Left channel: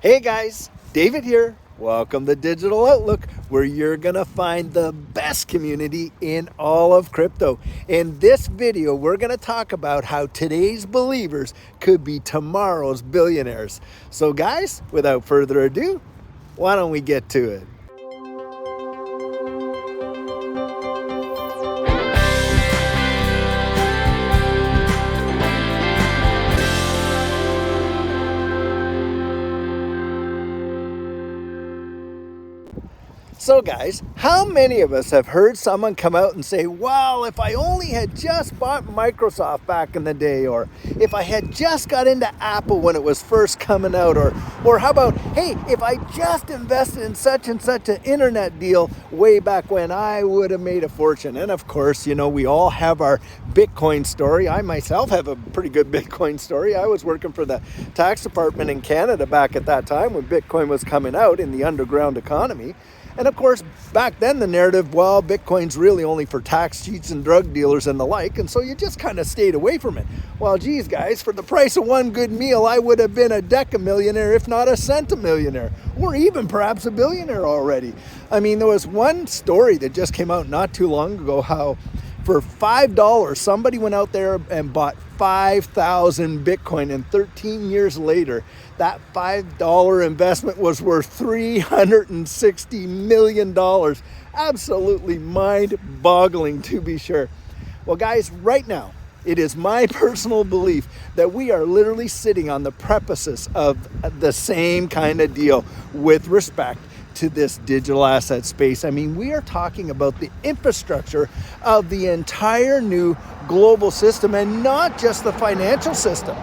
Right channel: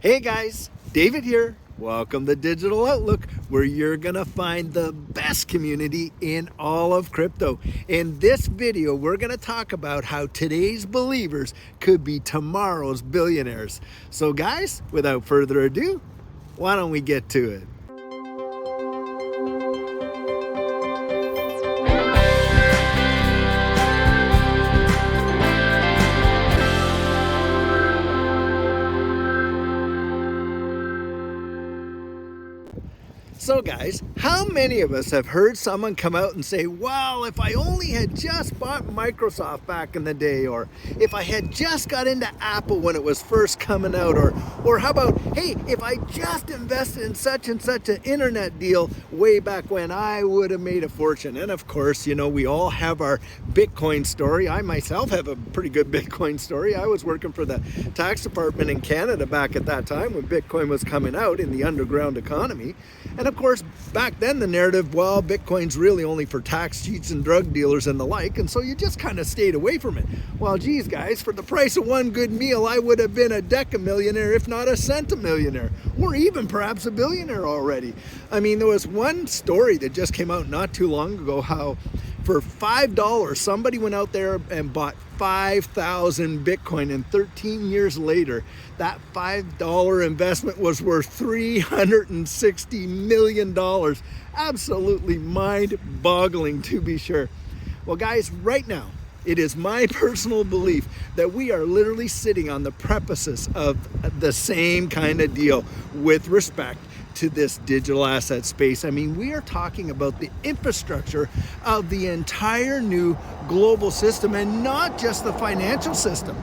Hey guys, David here. Welcome to Digital Outlook, where you're gonna find the best community in all of crypto. In this video, we're gonna talk about how today's believers could be tomorrow's billionaires. So guys, without further ado, why don't we get to it? So guys, how many of us have heard someone come out and say, well, if I only had just bought Microsoft back in the day, or if I had just got into Apple when it was first coming out, or how about, hey, if I just invested in such and such an internet deal way back when, I would have made a fortune. And of course, you know, we all have our Bitcoin story. I myself have a pretty good Bitcoin story. I was working for the tax department in Canada back at that time when Bitcoin was coming out in the underground economy. And of course, back then the narrative, well, Bitcoin's really only for tax cheats and drug dealers and the like, and so you just kind of stayed away from it. Well, geez, guys, for the price of one good meal, I would have been a decamillionaire, if not a centimillionaire, or even perhaps a billionaire already. I mean, there was one story that just came out not too long ago, how for $5, somebody went out there and bought 5,000 Bitcoin, and 13 years later, that $5 investment was worth $360 million. Absolutely mind-boggling, to be sure. Well, guys, right now, it is my personal belief that we are literally sitting on the precipice of the same kind of deal with respect to this digital asset space. I mean, we are talking about the infrastructure of the entire new global system, and not just the financial system.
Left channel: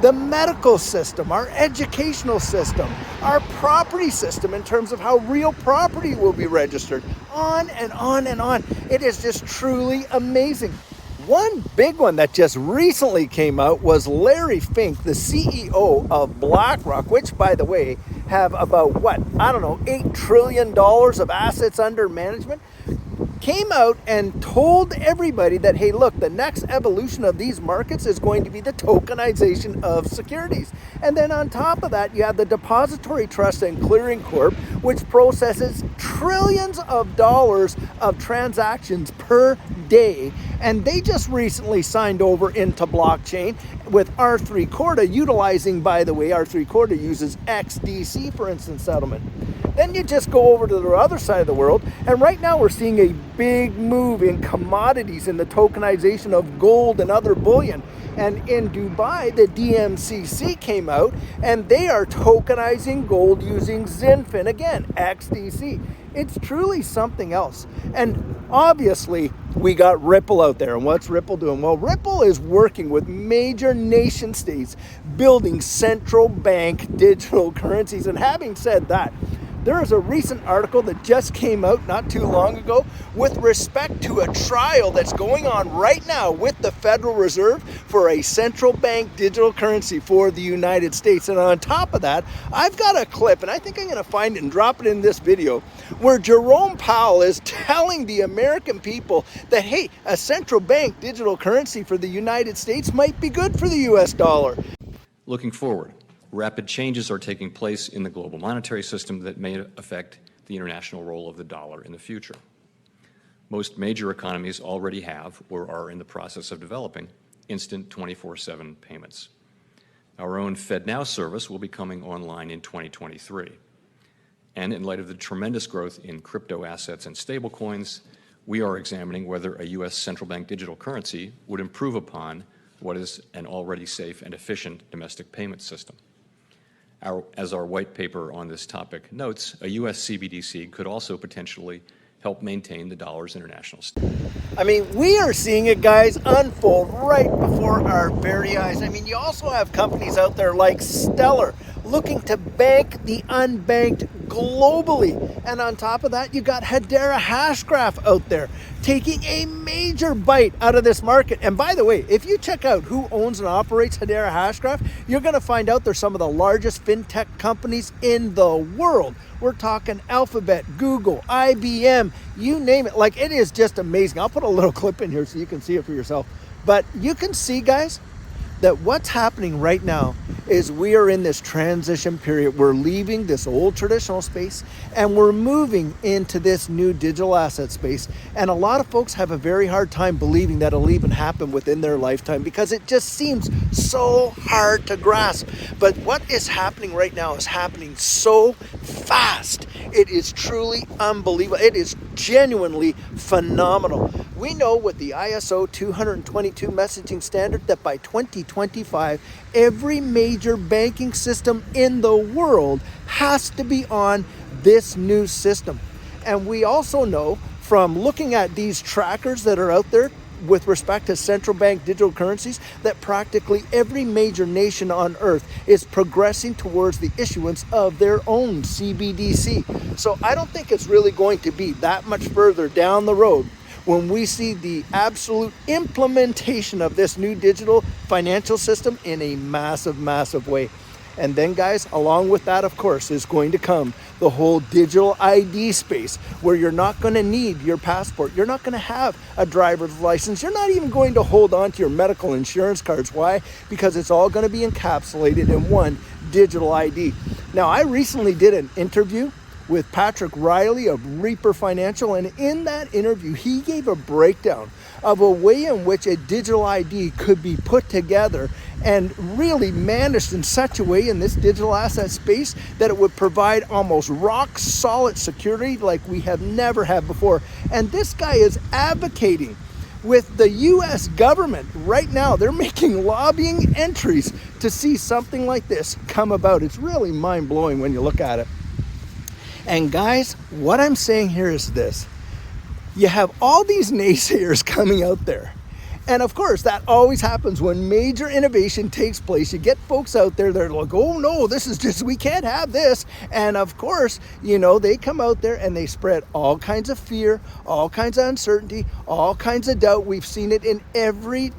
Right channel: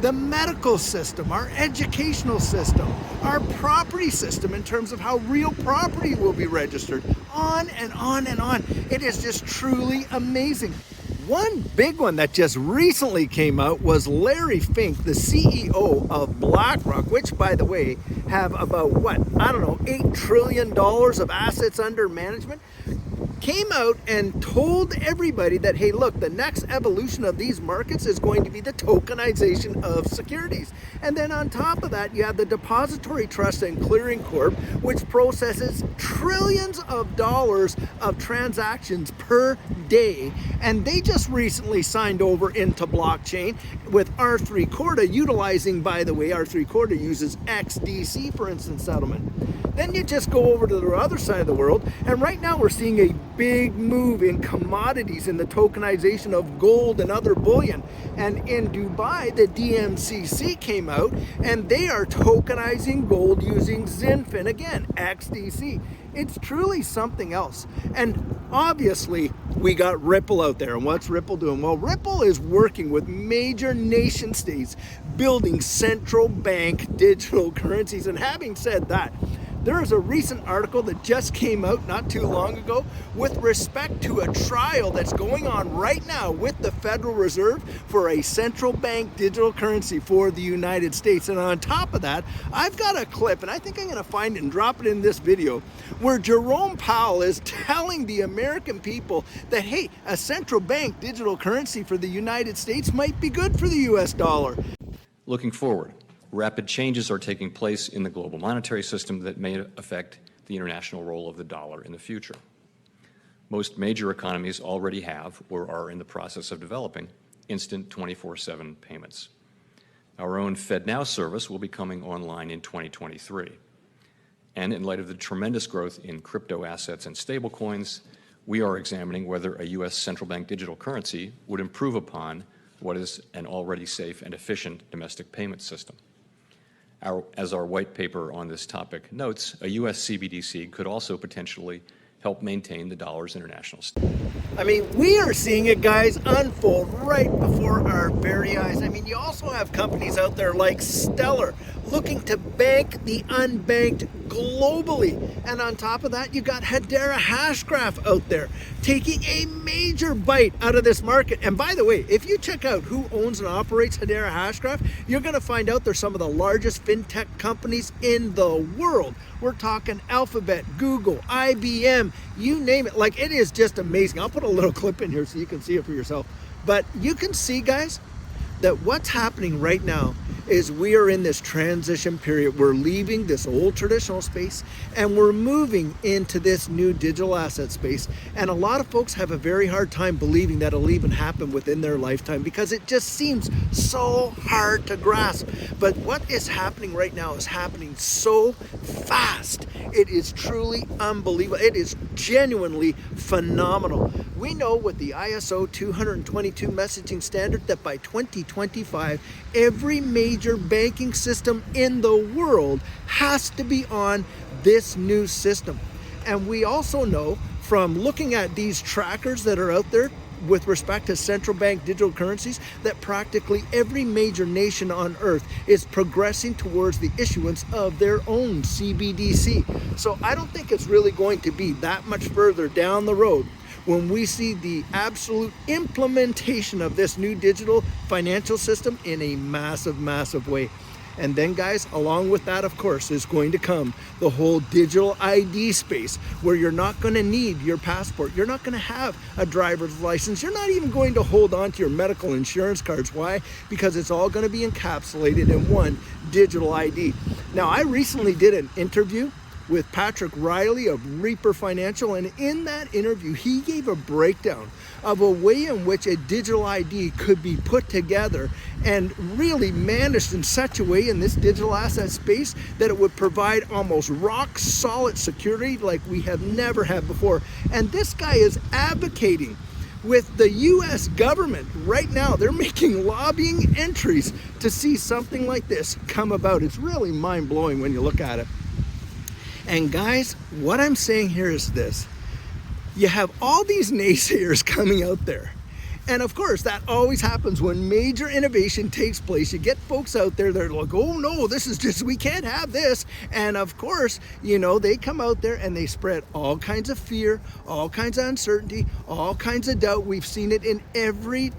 The medical system, our educational system, our property system in terms of how real property will be registered, on and on and on. It is just truly amazing. One big one that just recently came out was Larry Fink, the CEO of BlackRock, which, by the way, have about, $8 trillion of assets under management, came out and told everybody that, hey, look, the next evolution of these markets is going to be the tokenization of securities. And then on top of that, you have the Depository Trust and Clearing Corp, which processes trillions of dollars of transactions per day. And they just recently signed over into blockchain with R3 Corda, utilizing, by the way, R3 Corda uses XDC for instant settlement. Then you just go over to the other side of the world, and right now we're seeing a big move in commodities, in the tokenization of gold and other bullion. And in Dubai, the DMCC came out, and they are tokenizing gold using XinFin, again, XDC. It's truly something else. And obviously, we got Ripple out there. And what's Ripple doing? Well, Ripple is working with major nation states building central bank digital currencies. And having said that, there is a recent article that just came out not too long ago with respect to a trial that's going on right now with the Federal Reserve for a central bank digital currency for the United States. And on top of that, I've got a clip, and I think I'm going to find it and drop it in this video, where Jerome Powell is telling the American people that, hey, a central bank digital currency for the United States might be good for the US dollar. Looking forward, rapid changes are taking place in the global monetary system that may affect the international role of the dollar in the future. Most major economies already have or are in the process of developing instant 24/7 payments. Our own FedNow service will be coming online in 2023. And in light of the tremendous growth in crypto assets and stablecoins, we are examining whether a U.S. central bank digital currency would improve upon what is an already safe and efficient domestic payment system. As our white paper on this topic notes, a U.S. CBDC could also potentially help maintain the dollar's international state. I mean, we are seeing it, guys, unfold right before our very eyes. I mean, you also have companies out there like Stellar looking to bank the unbanked globally. And on top of that, you got Hedera Hashgraph out there taking a major bite out of this market. And by the way, if you check out who owns and operates Hedera Hashgraph, you're going to find out they're some of the largest fintech companies in the world. We're talking Alphabet, Google, IBM, you name it. Like, it is just amazing. I'll put a little clip in here so you can see it for yourself. But you can see, guys, that what's happening right now is we are in this transition period. We're leaving this old traditional space and we're moving into this new digital asset space. And a lot of folks have a very hard time believing that it'll even happen within their lifetime because it just seems so hard to grasp. But what is happening right now is happening so fast. It is truly unbelievable. It is genuinely phenomenal. We know with the ISO 222 messaging standard that by 2025, every major banking system in the world has to be on this new system. And we also know from looking at these trackers that are out there with respect to central bank digital currencies that practically every major nation on earth is progressing towards the issuance of their own CBDC. So I don't think it's really going to be that much further down the road when we see the absolute implementation of this new digital financial system in a massive, massive way. And then guys, along with that, of course, is going to come the whole digital ID space where you're not going to need your passport. You're not going to have a driver's license. You're not even going to hold on to your medical insurance cards. Why? Because it's all going to be encapsulated in one digital ID. Now, I recently did an interview with Patrick Riley of Reaper Financial, and in that interview he gave a breakdown of a way in which a digital ID could be put together and really managed in such a way in this digital asset space that it would provide almost rock solid security like we have never had before. And this guy is advocating with the US government right now. They're making lobbying entries to see something like this come about. It's really mind-blowing when you look at it. And guys, what I'm saying here is this. You have all these naysayers coming out there. And of course, that always happens when major innovation takes place. You get folks out there, they're like, oh no, this is just, we can't have this. And of course, you know, they come out there and they spread all kinds of fear, all kinds of uncertainty, all kinds of doubt. We've seen it in every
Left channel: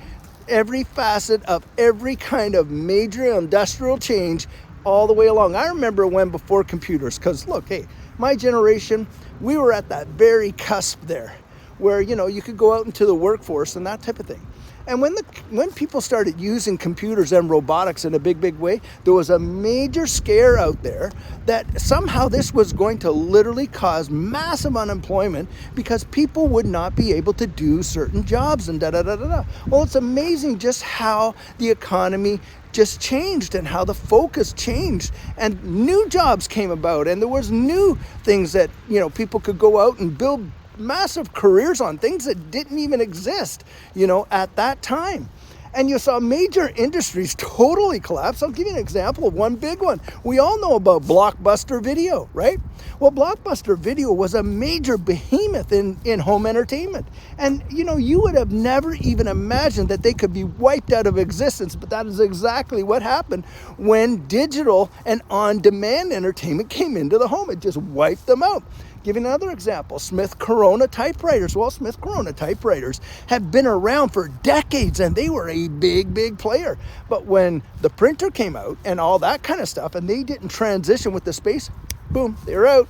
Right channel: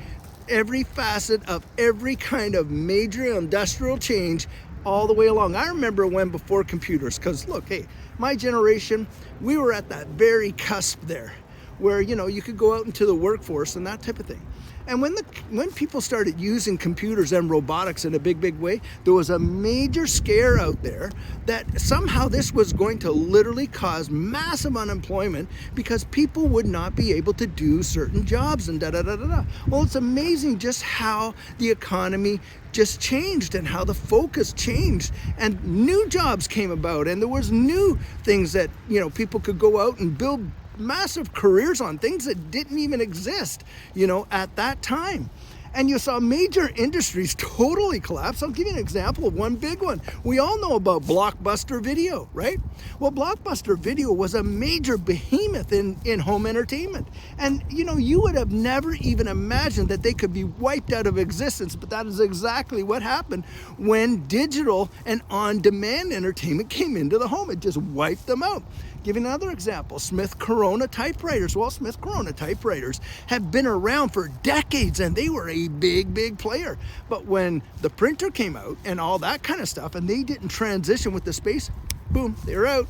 facet of every kind of major industrial change all the way along. I remember when before computers, because look, hey, my generation, we were at that very cusp there where, you know, you could go out into the workforce and that type of thing. And when people started using computers and robotics in a big way, there was a major scare out there that somehow this was going to literally cause massive unemployment because people would not be able to do certain jobs and da-da-da-da-da. Well, it's amazing just how the economy just changed and how the focus changed and new jobs came about and there was new things that, you know, people could go out and build massive careers on things that didn't even exist, you know, at that time. And you saw major industries totally collapse. I'll give you an example of one big one. We all know about Blockbuster Video, right? Well, Blockbuster Video was a major behemoth in home entertainment. And, you know, you would have never even imagined that they could be wiped out of existence, but that is exactly what happened when digital and on-demand entertainment came into the home. It just wiped them out. Give you another example, Smith Corona typewriters. Well, Smith Corona typewriters have been around for decades and they were a big player. But when the printer came out and all that kind of stuff and they didn't transition with the space, boom, they're out.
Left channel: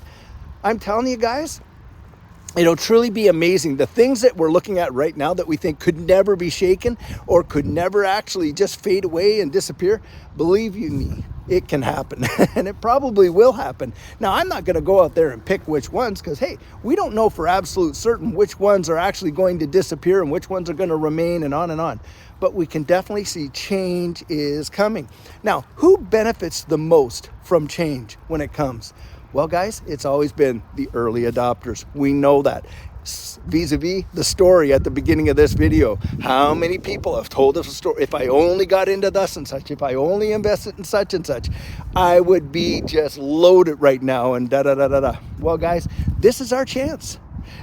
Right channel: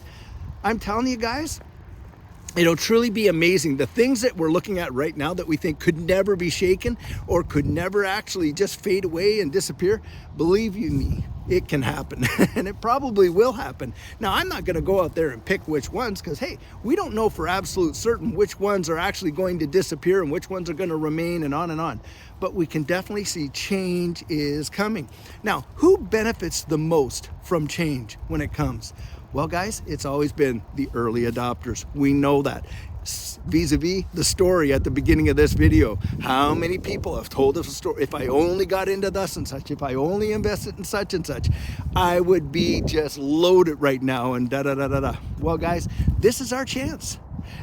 I'm telling you guys, it'll truly be amazing. The things that we're looking at right now that we think could never be shaken or could never actually just fade away and disappear, believe you me, it can happen and it probably will happen. Now, I'm not going to go out there and pick which ones because, hey, we don't know for absolute certain which ones are actually going to disappear and which ones are going to remain and on and on. But we can definitely see change is coming. Now, who benefits the most from change when it comes? Well, guys, it's always been the early adopters. We know that. Vis-a-vis the story at the beginning of this video. How many people have told us a story? If I only got into thus and such, if I only invested in such and such, I would be just loaded right now and da-da-da-da-da. Well, guys, this is our chance.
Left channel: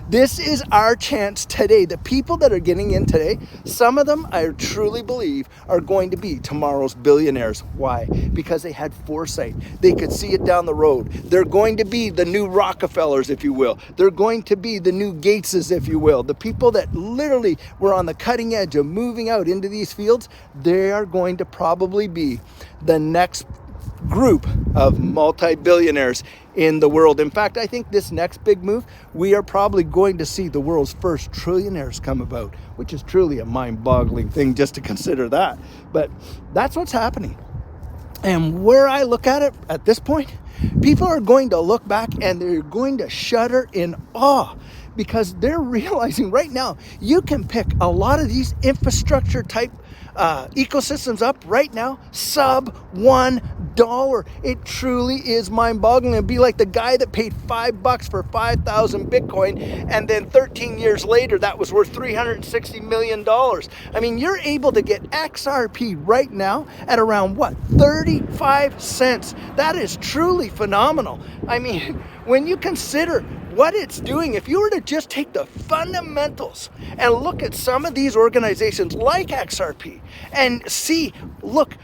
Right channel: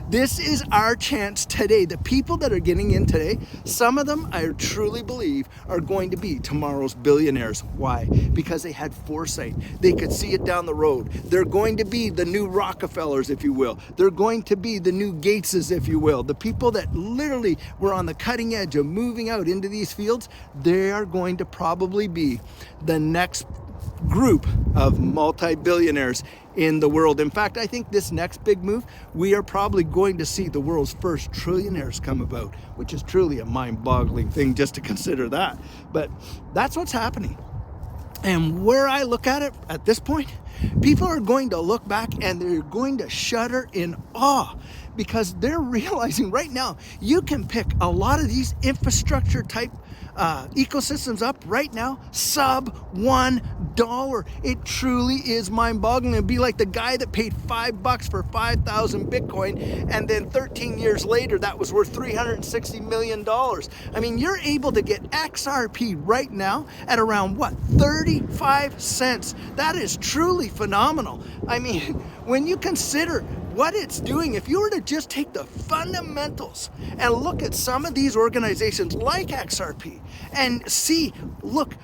This is our chance today. The people that are getting in today, some of them I truly believe are going to be tomorrow's billionaires. Why? Because they had foresight. They could see it down the road. They're going to be the new Rockefellers, if you will. They're going to be the new Gateses, if you will. The people that literally were on the cutting edge of moving out into these fields, they are going to probably be the next group of multi-billionaires in the world. In fact, I think this next big move, we are probably going to see the world's first trillionaires come about, which is truly a mind-boggling thing just to consider that. But that's what's happening. And where I look at it at this point, people are going to look back and they're going to shudder in awe, because they're realizing right now you can pick a lot of these infrastructure type ecosystems up right now, sub $1. It truly is mind-boggling. It'd be like the guy that paid $5 for 5,000 Bitcoin, and then 13 years later that was worth $360 million. I mean, you're able to get XRP right now at around what, 35 cents. That is truly phenomenal. I mean, when you consider what it's doing, if you were to just take the fundamentals and look at some of these organizations like XRP and see, look,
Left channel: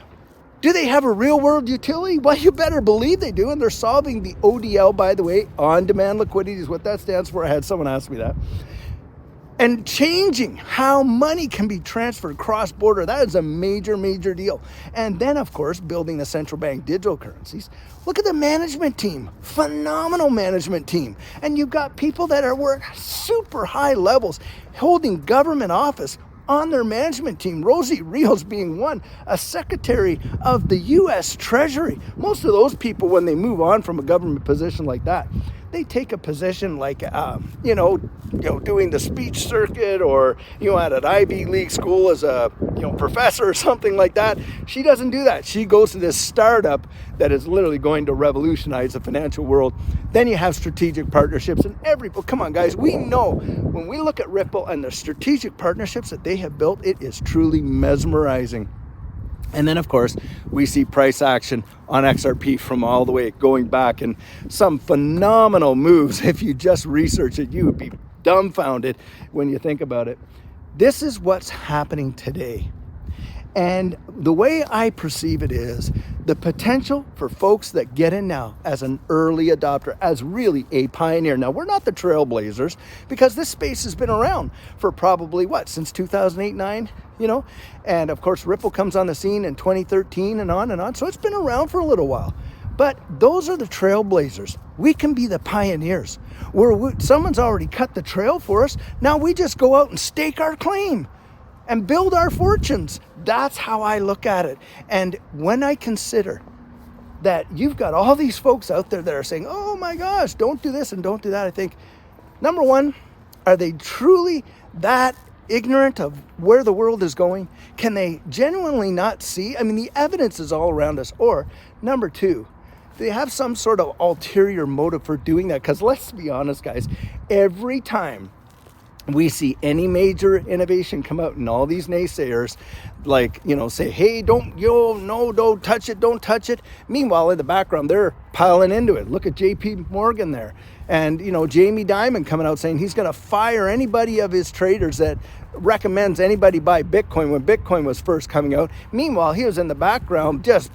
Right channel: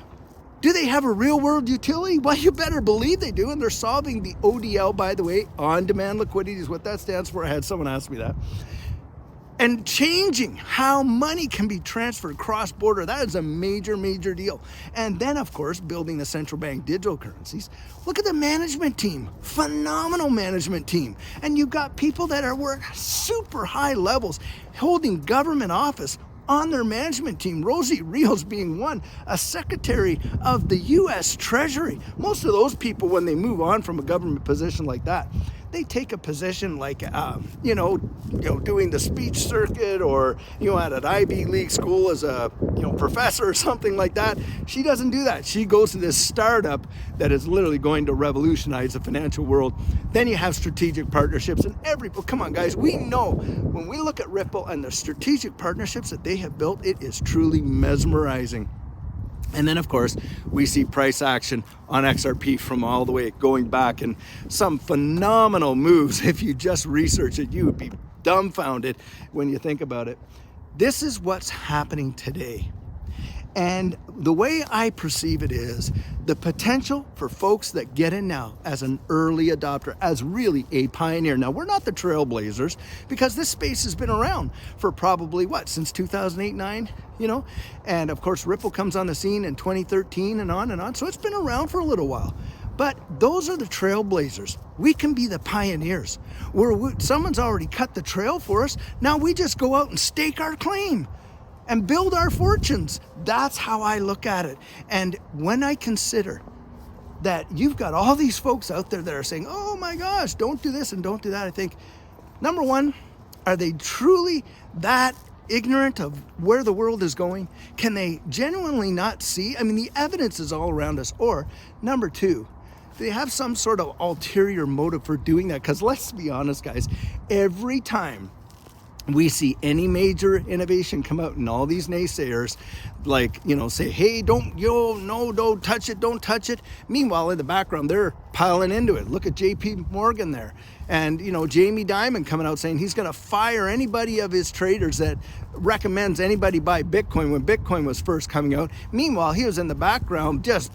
do they have a real world utility? Well, you better believe they do. And they're solving the ODL, by the way, on-demand liquidity is what that stands for. I had someone ask me that. And changing how money can be transferred cross-border. That is a major, major deal. And then, of course, building the central bank digital currencies. Look at the management team. Phenomenal management team. And you've got people that are super high levels holding government office on their management team. Rosie Rios being one, a secretary of the U.S. Treasury. Most of those people, when they move on from a government position like that, they take a position like, doing the speech circuit, or, at an Ivy League school as a, professor or something like that. She doesn't do that. She goes to this startup that is literally going to revolutionize the financial world. Then you have strategic partnerships, and come on guys, we know when we look at Ripple and the strategic partnerships that they have built, it is truly mesmerizing. And then, of course, we see price action on XRP from all the way going back, and some phenomenal moves. If you just research it, you would be dumbfounded when you think about it. This is what's happening today. And the way I perceive it is the potential for folks that get in now as an early adopter, as really a pioneer. Now, we're not the trailblazers, because this space has been around for probably, since 2008-9? And of course Ripple comes on the scene in 2013 and on and on. So it's been around for a little while. But those are the trailblazers. We can be the pioneers. Someone's already cut the trail for us. Now we just go out and stake our claim and build our fortunes. That's how I look at it. And when I consider that you've got all these folks out there that are saying, oh my gosh, don't do this and don't do that, I think, number one, are they truly that ignorant of where the world is going? Can they genuinely not see? I mean, the evidence is all around us. Or number two, do they have some sort of ulterior motive for doing that? Because let's be honest, guys, every time we see any major innovation come out, and all these naysayers say, hey, don't touch it, don't touch it. Meanwhile, in the background, they're piling into it. Look at JP Morgan there. And, Jamie Dimon coming out saying he's going to fire anybody of his traders that recommends anybody buy Bitcoin when Bitcoin was first coming out. Meanwhile, he was in the background just,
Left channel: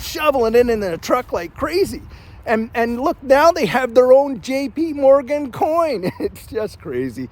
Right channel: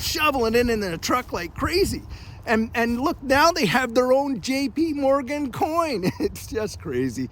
shoveling it in a truck like crazy. And look, now they have their own JP Morgan coin. It's just crazy.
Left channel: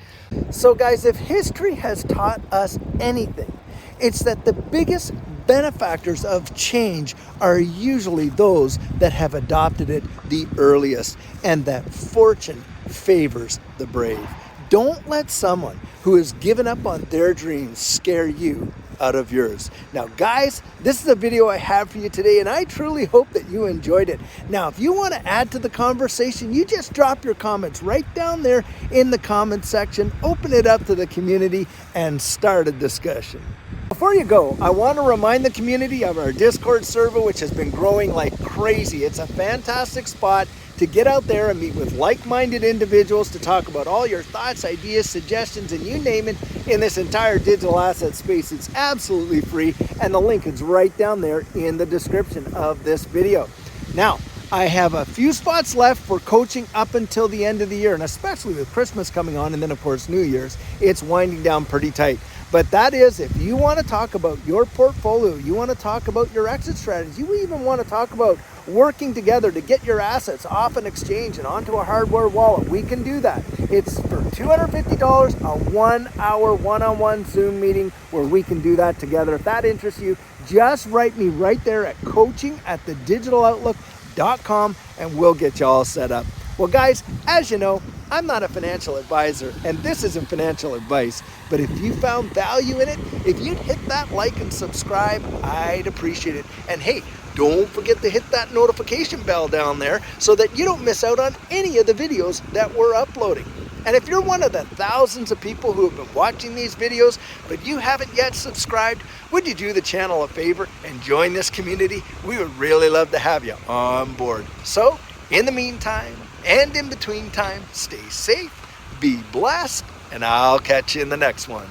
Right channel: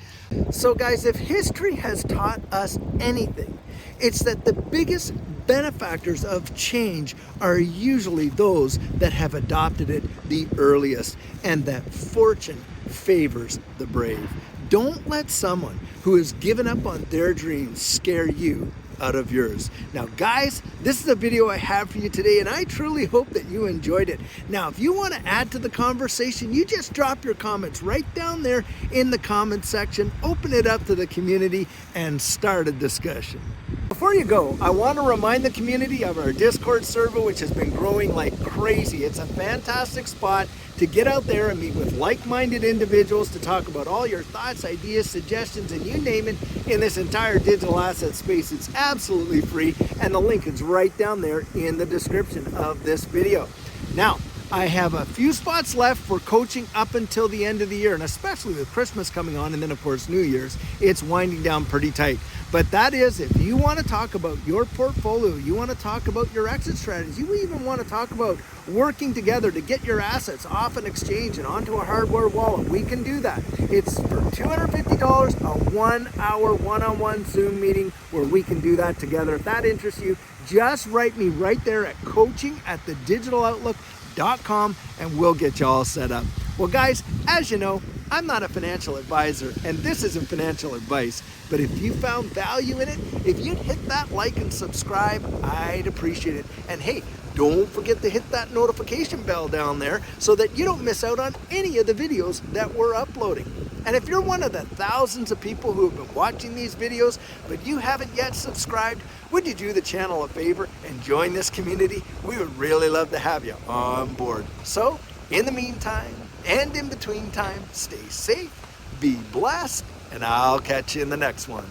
So guys, if history has taught us anything, it's that the biggest benefactors of change are usually those that have adopted it the earliest, and that fortune favors the brave. Don't let someone who has given up on their dreams scare you out of yours. Now guys, this is a video I have for you today, and I truly hope that you enjoyed it. Now, if you want to add to the conversation, you just drop your comments right down there in the comment section, open it up to the community, and start a discussion. Before you go, I want to remind the community of our Discord server, which has been growing like crazy. It's a fantastic spot to get out there and meet with like-minded individuals to talk about all your thoughts, ideas, suggestions, and you name it in this entire digital asset space. It's absolutely free, and the link is right down there in the description of this video. Now, I have a few spots left for coaching up until the end of the year, and especially with Christmas coming on, and then of course New Year's, it's winding down pretty tight. But that is, if you want to talk about your portfolio, you want to talk about your exit strategy, you even want to talk about working together to get your assets off an exchange and onto a hardware wallet, we can do that. It's for $250, a 1-hour one-on-one Zoom meeting where we can do that together. If that interests you, just write me right there at coaching@thedigitaloutlook.com and we'll get you all set up. Well guys, as you know, I'm not a financial advisor, and this isn't financial advice, but if you found value in it, if you'd hit that like and subscribe, I'd appreciate it. And hey, don't forget to hit that notification bell down there so that you don't miss out on any of the videos that we're uploading. And if you're one of the thousands of people who have been watching these videos, but you haven't yet subscribed, would you do the channel a favor and join this community? We would really love to have you on board. So, in the meantime, and in between time, stay safe, be blessed, and I'll catch you in the next one.